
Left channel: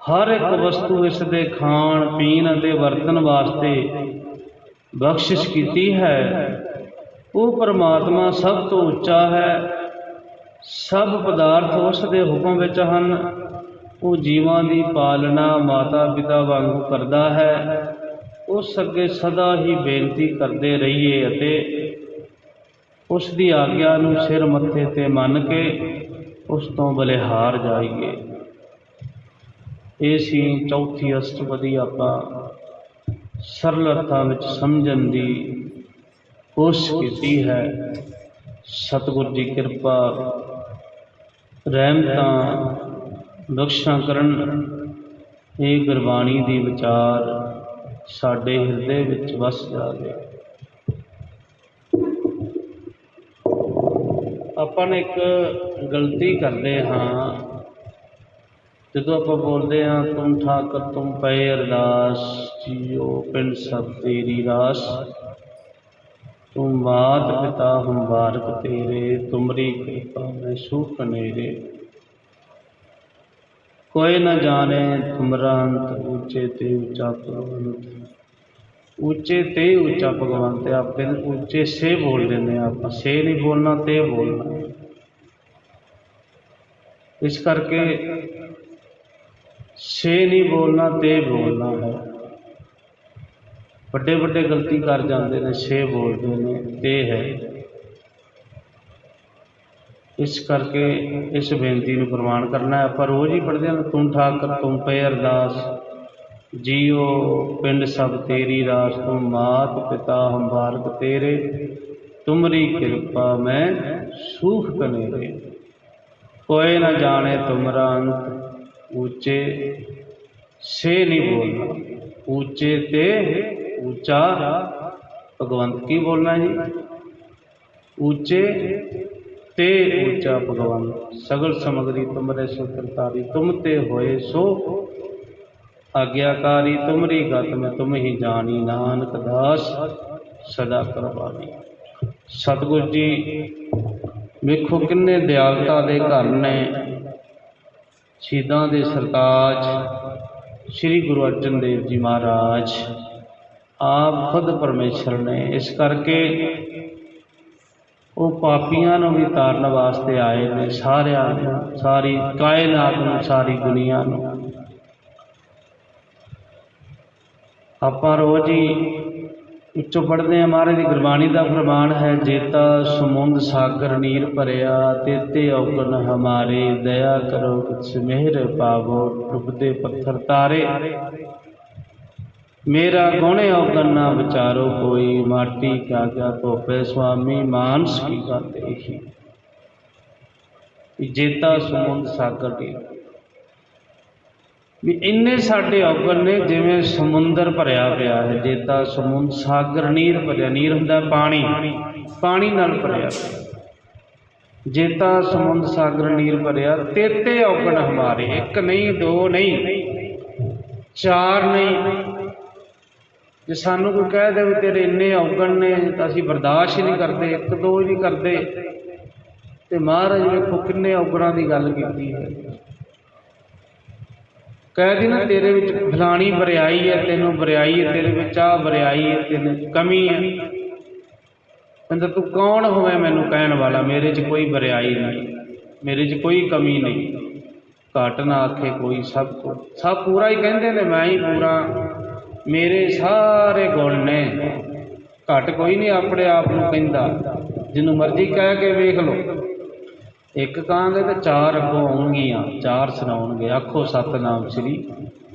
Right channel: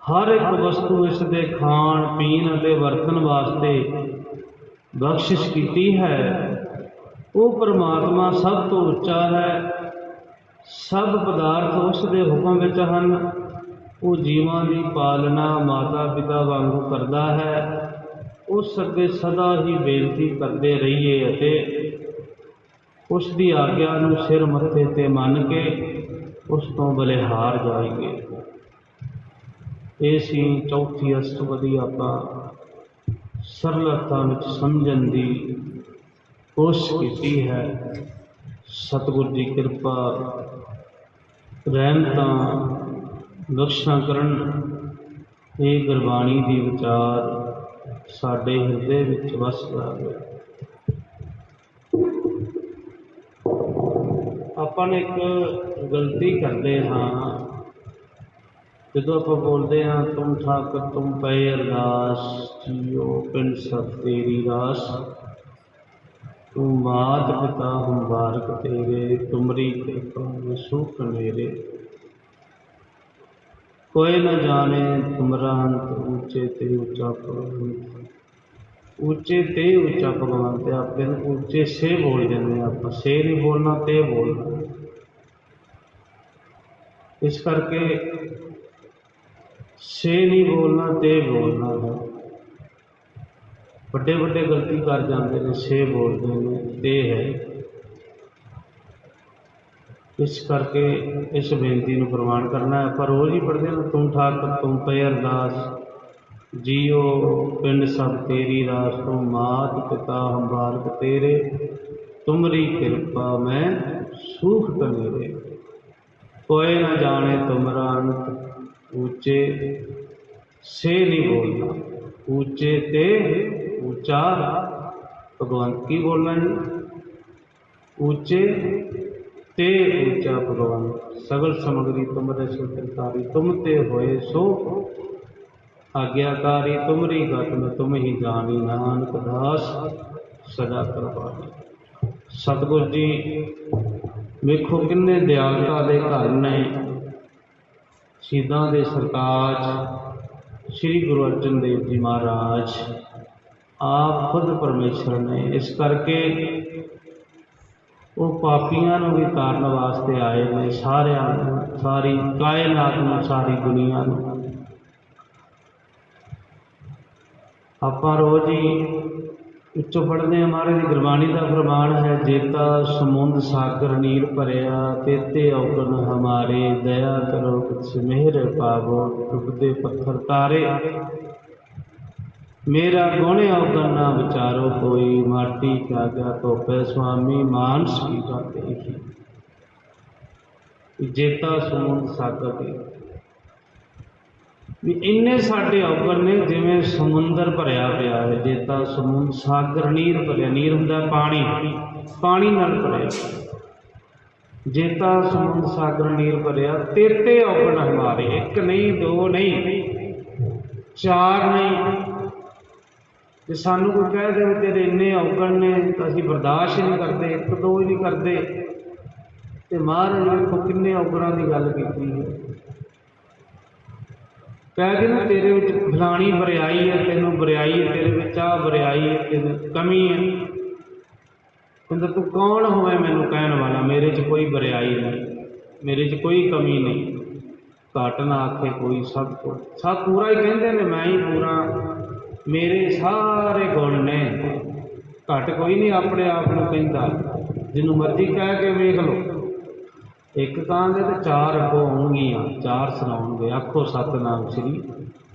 हर एक वस्तु इस दे खाण पीण ते वरतन वास्ते बख्शिश की है, वो परमात्मा सब तो उच्चा है। सब पदार्थ उस दे हुक्म विच हन। वो जीवां दी पालना माता पिता वांगू करदा है। उस अगे सदा ही बेनती करते रहिए अते उस दी आग्या नूं सिर मत्थे ते मन के उस तो बलिहार जाइए। ये सी चौथी अष्टपदी आपां सरल अर्थां विच समझण दी कोशिश की है। सतगुर जी कृपा रहमतां बख्शां करन। ये गुरबाणी दी विचार साडे हिरदे विच वस जावे। अपन एक गलती करते हाँ, ਜਦੋਂ ਆਪਾਂ ਬੋਲਦੇ ਹਾਂ ਤੁਮ ਠਾਕੁਰ ਤੁਮ ਪਏ ਅਰਦਾਸ, ਜੀਓ ਪਿੰਡ ਸਭ ਤੇਰੀ ਰਾਸ, ਤੁਮ ਮਾਤ ਪਿਤਾ ਹਮ ਬਾਰਕ ਤੇਰੇ, ਤੁਮਰੀ ਕਿਰਪਾ ਮੈਂ ਸੁਖ ਨੇਰੇ। कोई न जाने तुमरा अंत, ऊंचे ते ऊंचा भगवंत। ऊंचे ते ऊंचा भगवंत आप ऊंचे से बोल देंगे, आप से नहीं बोलना, ते बोलना। इस करके से नहीं बोलना, ते बोलना है। बड़े बड़े गलती कर जाते हैं, से बोलते हैं, ते है। इस करके इस बेनती को प्रवान करना है। आप रोज़ ही पढ़ते हैं तुम ठाकर तुम पे अरदास, जियो पिंड सब तेरी रास, तुम मात पिता हम बारक तेरे, तुमरी कृपा मैं सूख कनेरे। कोई न जाने तुमरा अंत, ऊंचे से नहीं बोलना, ऊंचे ते ऊंचा भगवंत की बोलना जी, ऊंचे ते ऊंचा भगवान। सगल समगरी तुमरे सुकृतारी, तुम ते होए सो आज्ञाकारी, तुमरी गत में तुम ही जानी, नानक दास सदा करवानी। सतगुर जी वेखो किन्ने दयालता दे घर ने। शहीदां दे सरताज श्री गुरु अर्जन देव जी महाराज आप खुद परमेश्वर ने। इस करके वो पापियां भी तारन वास्ते आए ने, सारिया सारी कायनात नूं, सारी दुनिया नूं। आपां रोज़ ही उच्चों पढ़ते हैं, महाराज की गुरबाणी का फरमान है, जेता समुंद सागर नीर भरिया, तेते अवगुण हमारे, दया करो कुछ मेहर पावो, डुबदे पत्थर तारे। मेरा गुण अवगुण ना विचारो कोई, माटी क्या क्या धोपे स्वामी, मानस की बात ही। जेता समुंद सागर दी भी इन्ने साडे अवगुण ने, जिवें समुंदर भरिया पिया है। जेता समुंद सागर नीर भरिया, नीर हुंदा पानी, पानी नाल भरिया। जेता समुंद सागर नीर भरिया, तेते अवगुण हमारे, एक नहीं दो नहीं चार नहीं। जे सानू कोई कह दे तेरे इन्ने अवगुण ने तो असीं बर्दाश्त ही नहीं करते, एक दो ही नहीं करते। तो महाराज वेखो किन्ने अवगुणां की गल कीती है। कह दी ना तेरे विच फलानी बरियाई है, तेनों बरियाई है, तेरे विच आ बरियाई है, तेन कमी है। कहंदा तू कौन होवे मैनू कहण वाला, मेरे च कोई बरियाई नहीं, मेरे च कोई कमी नहीं। घट ना आखे कोई, सब पूरा ही कहंदे ने, मैं ही पूरा, मेरे सारे गुण ने। घट कोई नहीं अपने आप को कहता, जिन्हों मर्जी कह के वेख लो। एक कहांगे तो चार अगों आउणगियां, चार सुनाउणगे, आखो सतनाम श्री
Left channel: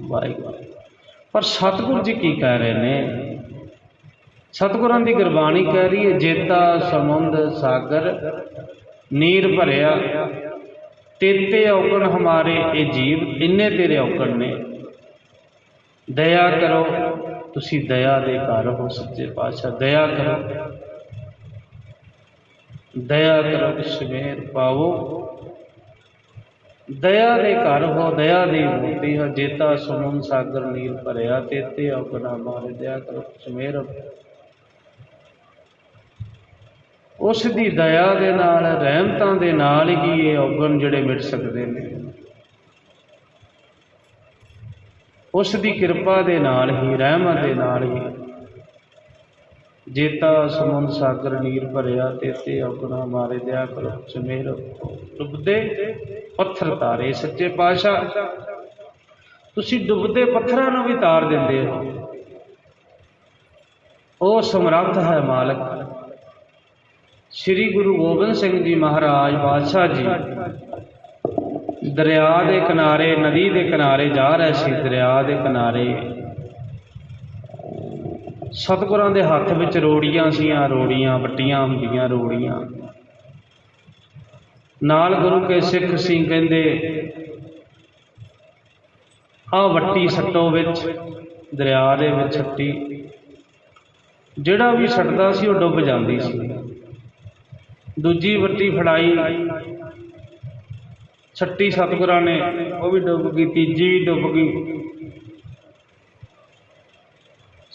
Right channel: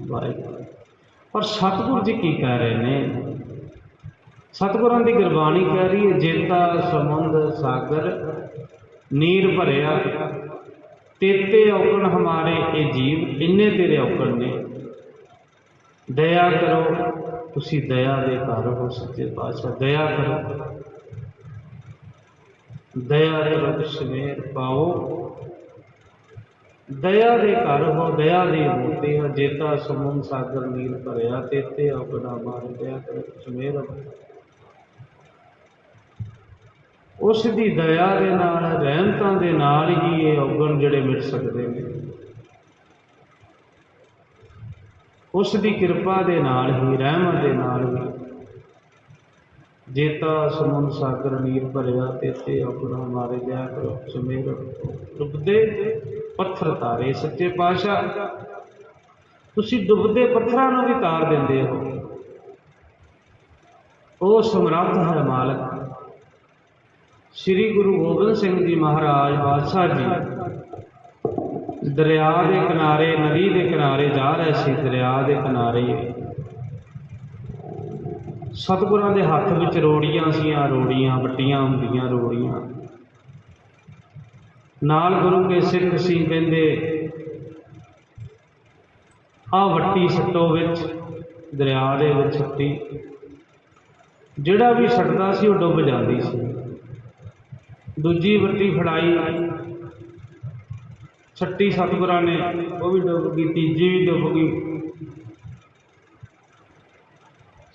वाहिगुरू। पर सतगुरु जी की कह रहे हैं? सतगुरां दी गुरबाणी कह रही है, जेता समुंद सागर नीर भरिया, तेते अवगुण हमारे, ये जीव इन्ने तेरे अवगुण ने। दया करो, तुसी दया दे घर हो सच्चे पातशाह, दया करो, दया करो किश मेहर पाओ। दया दे घर हो, दया दी मूर्ति हो। जेता समुंद सागर नीर भरिया, तेते अवगुण हमारे, दया करो किश मेहर। उस दी दया दे नाल, रहमतां दे नाल ही ये अवगुण जिहड़े मिट सकदे ने। उस दी कृपा दे नाल ही, रहमत दे नाल ही। जेता समुंद सागर नीर भरिया, तेते अवगुण हमारे, दया करो सुमेर। डुबदे पत्थर तारे, सच्चे पातशाह तुसी डुबदे पत्थरां नूं भी तार दिंदे हो। ओ समर्थ है मालक। श्री गुरु गोबिंद सिंह जी महाराज पातशाह जी दरिया के किनारे, नदी के किनारे जा रहे सी। दरिया के किनारे सतगुरां दे हत्थ विच रोड़ियां सीआं, रोड़ियां वट्टियां हुंदियां रोड़ियां। नाल गुरु के सिख सी, कहंदे आ वट्टी सट्टो विच, दरिया दे विच सट्टी, जिहड़ा भी सट्टदा सी वो डुब जांदी सी। दूजी वट्टी फड़ाई, छठी सतगुरां ने वो भी डुब गई, तीजी भी डुब गई।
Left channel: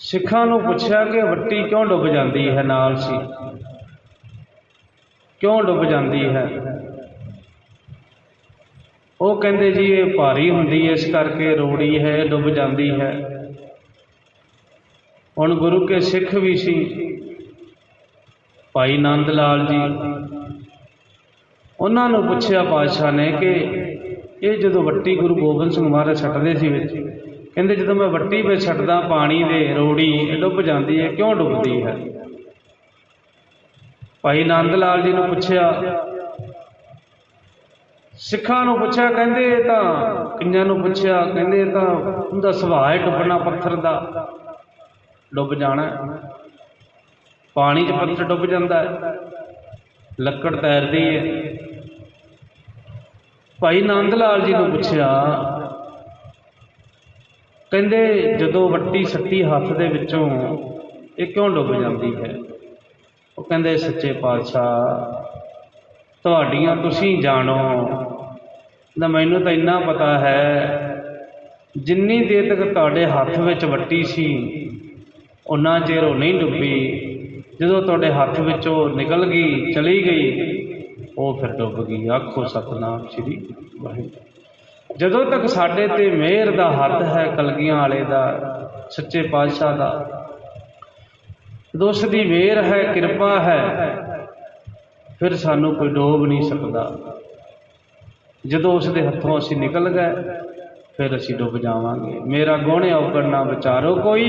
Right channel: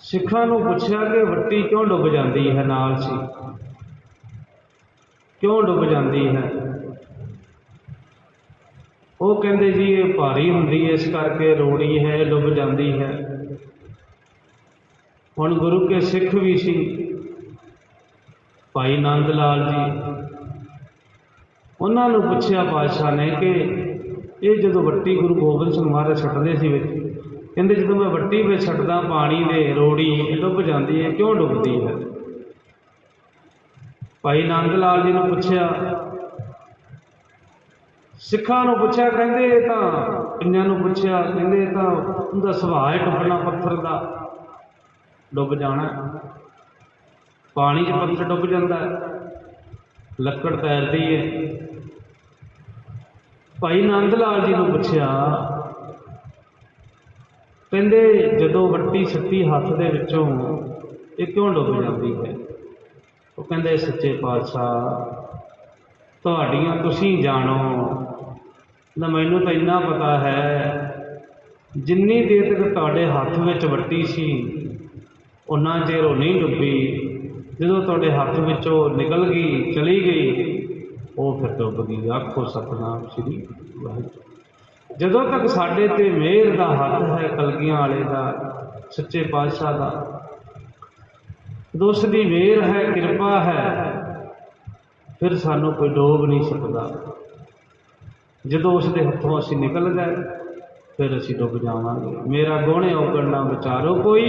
सिखां नूं पुछया कि वट्टी क्यों डुब जाती है, नाल सी क्यों डुब जाती है। वो कहते जी ये भारी हुंदी है, इस करके रोड़ी है, डुब जाती है। हुण गुरु के सिख भी सी भाई नंद लाल जी, उन्होंने पुछया पातशाह ने कि ये जो वट्टी गुरु गोबिंद सिंह महाराज सटदे सी विच, कहते जो मैं वट्टी में छड्डदा पानी दे रोड़ी डुब जाती है, क्यों डुबदी है। भाई नंद लाल जी ने पुछया, सिखां नूं पुछया, कहते तां कईयां नूं पुछया, कहते तां उहदा सुभाਅ है डुबना, पत्थर दा डुब जाना, पानी च पत्थर डुब जाता है, लक्कड़ तैरती है। भाई नंद लाल जी ने पुछया, कहते जदों वट्टी सट्टी हत्थ दे विचों ये क्यों डुब जाती है। वो कहते सच्चे पातशाह तुहाडियां तुसीं जानो, ना मैनूं तां इन्ना पता है जिन्नी देर तक तुहाडे हत्थ विच वट्टी सी उन्ना चेर वो नहीं डुबी, जदों तुहाडे हत्थ विचों निकल गई चली गई वो फिर डुब गई। आखो सतनाम श्री वाहिगुरू। जदों तक साडे ते मेहर दा हत्थ है कलगियां वाले दा, सच्चे पातशाह दा, जदों उसदी मेहर है, किरपा है, फिर सानू कोई डोब नहीं सकता। जदों उसके हथों असी निकल गए फिर असी डुब जावांगे। मेरा गुण अवगण ना विचारो कोई,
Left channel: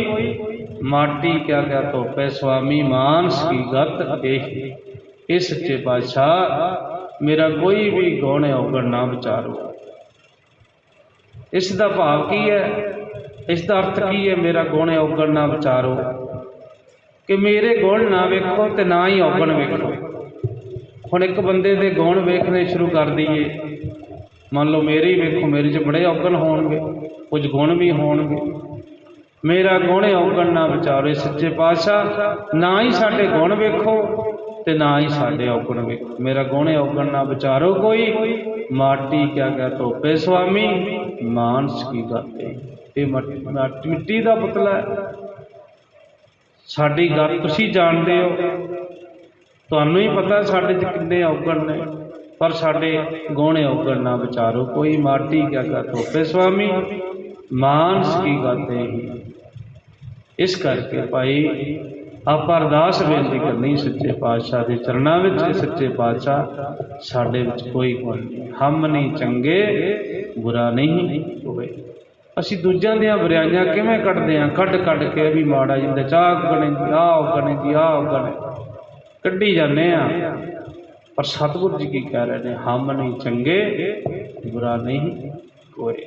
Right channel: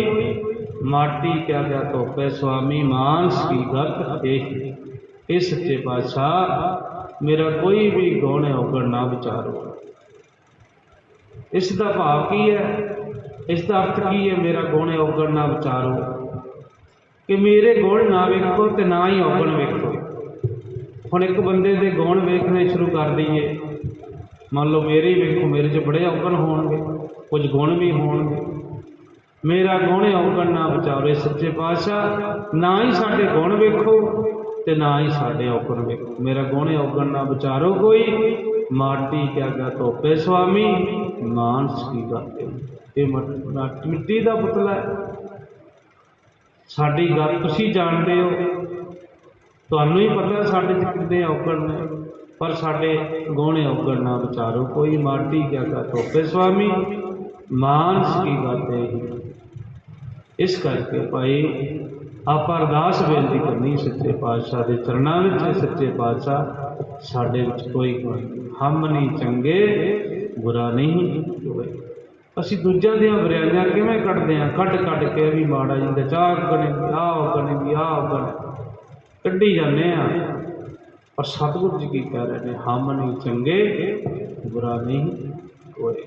माटी क्या क्या धोपे स्वामी मानस की गत देख। इस सच्चे पातशाह मेरा कोई भी गुण अवगण ना विचारो। इसका भाव की है, इसका अर्थ की है, मेरा गुण अवगण ना विचारो, कि मेरे गुण ना वेखो तो ना ही अवगण वेखो। हुण एक बंदे दे गुण वेखने शुरू कर दईए, मान लो मेरे ही वेखो, मेरे च बड़े अवगण होणगे, कुछ गुण भी होणगे। मेरा गुण अवगण ना विचारो। सच्चे पातशाह ना ही साडे गुण वेखो ते ना ही साडे अवगण वेखो। मेरा गुण अवगण ना विचारो कोई, माटी क्या क्या धोपे स्वामी मानस की गत। ये मिट्टी का पुतला है, साडी गत तुसीं जानदे हो, तुहानूं ही पता साडे च किन्ने अवगण ने, पर साडे गुण अवगण ना विचारो कोई, माटी क्या क्या धोपे स्वामी मानस की गत है। इस करके भाई आप अरदास बेनती करनी सच्चे पातशाह के चरणों में, सच्चे पातशाह साडे विच कोई गुण नहीं, हम नहीं चंगे बुरा नहीं होवे। असी दूजियां दियां बुराइयां किवें कढदे हां, कढ कढ के भी माड़ा जिंदे चाह गणे जी आ गणे जी आ गणे कड्ढी जाने आ। पर सतगुरु जी की कह रहे हैं, हम नहीं चंगे बुरा नहीं कोई।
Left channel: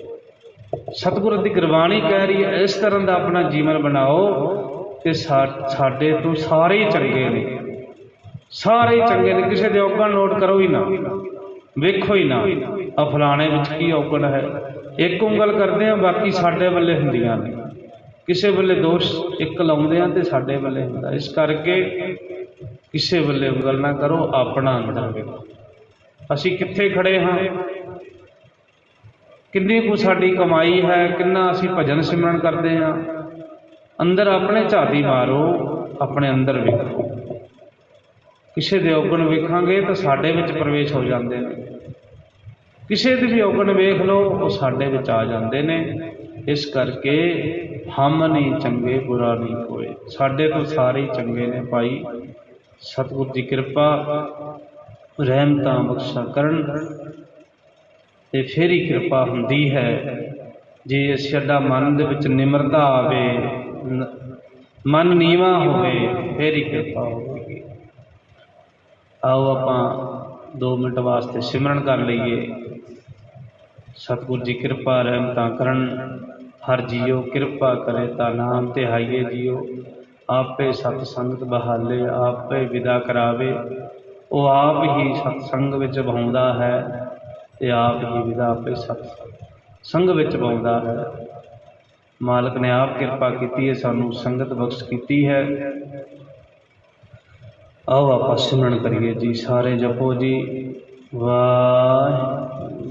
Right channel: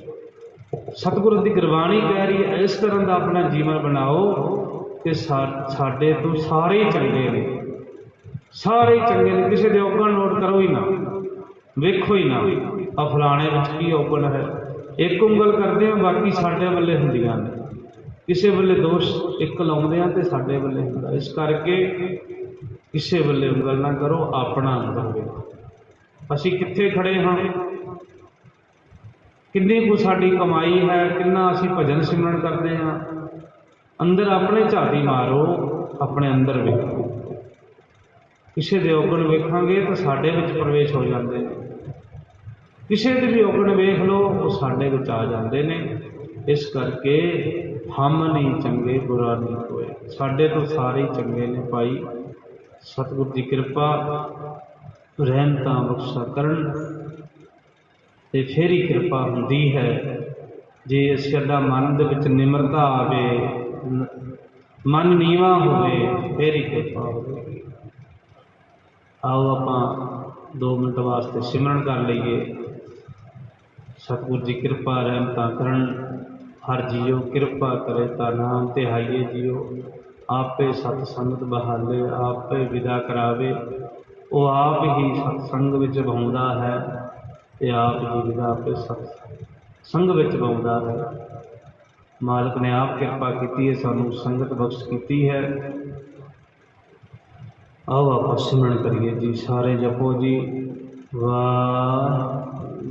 सतगुरु की गुरबाणी कह रही है इस तरह का अपना जीवन बनाओ कि साडे तो सारे ही चंगे ने, सारे ही चंगे ने। किसी के अवगण नोट करो ही ना, वेखो ही ना आ फलाने विच की अवगण है। एक उंगल करते हैं बाकी साडे वल्ले हुंदियां ने, किसी वेले दोष एक लाउंदे हैं तो साडे वल्ले हुंदा। इस करके किसी वल्ले उंगल ना करो, अपना अंदर वेखो असी कित्थे खड़े हाँ, किन्नी को साडी कमाई है, किन्ना असी भजन सिमरन करते हैं। अंदर अपने झाती मारो, अपने अंदर वेखो। किसी के अवगुण वेखांगे तो साडे विच प्रवेश हो जाते हैं, किसी के भी अवगुण वेख लो वो साडे विच आ जाते हैं। इस करके हम नहीं चंगे बुरा नहीं कोई, साडे तो सारे चंगे ने भाई। सतगुरु की कृपा रहमतां बख्शा करन ते फिर ही कृपा हुंदी है। जे साडा मन दे विच निमरता आवे, मन नीवा होवे, फिर ही कृपा होगी। आओ आपां 2 मिनट वास्ते सिमरन कर लईए। सतगुरु जी कृपा रहमतां करन, हर जीओ कृपा करे ता नाम तिहाइए जियो। आपे सतसंगत बहाले, आपे विदा करावे, वो आप ही सतसंग विच बहाउंदा है ते आप ही विदा आपे सतसंग विच बहाउंदा है। मालक ने आप कृपा की है, सानू संगत बख्श की है। आओ आप सिमरन करिए जी, सारे जपो जी वाह।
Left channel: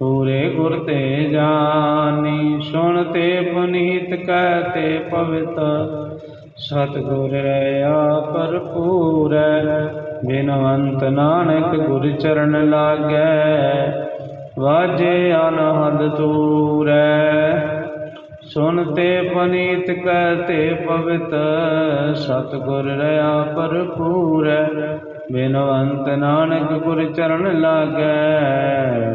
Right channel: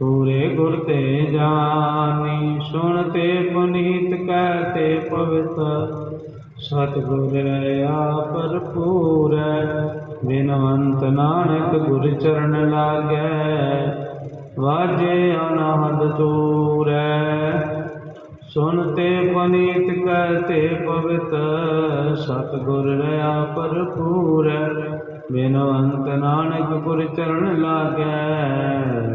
पूरे गुर ते जानी सुनते पुनीत कहते पवित्र सतगुर पर पूरै बिनवंत नानक गुर चरण लागै वाजे अनहद तूरै सुनते पुनीत कहते पवित्र सतगुर पर पूरै बिनवंत नानक गुर चरण लागै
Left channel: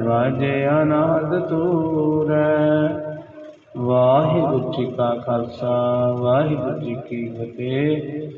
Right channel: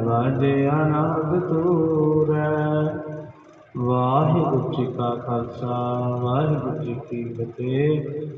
वाजे अनाद तूरै। वाहिगुरू जी का खालसा वाहिगुरू जी की फतेह।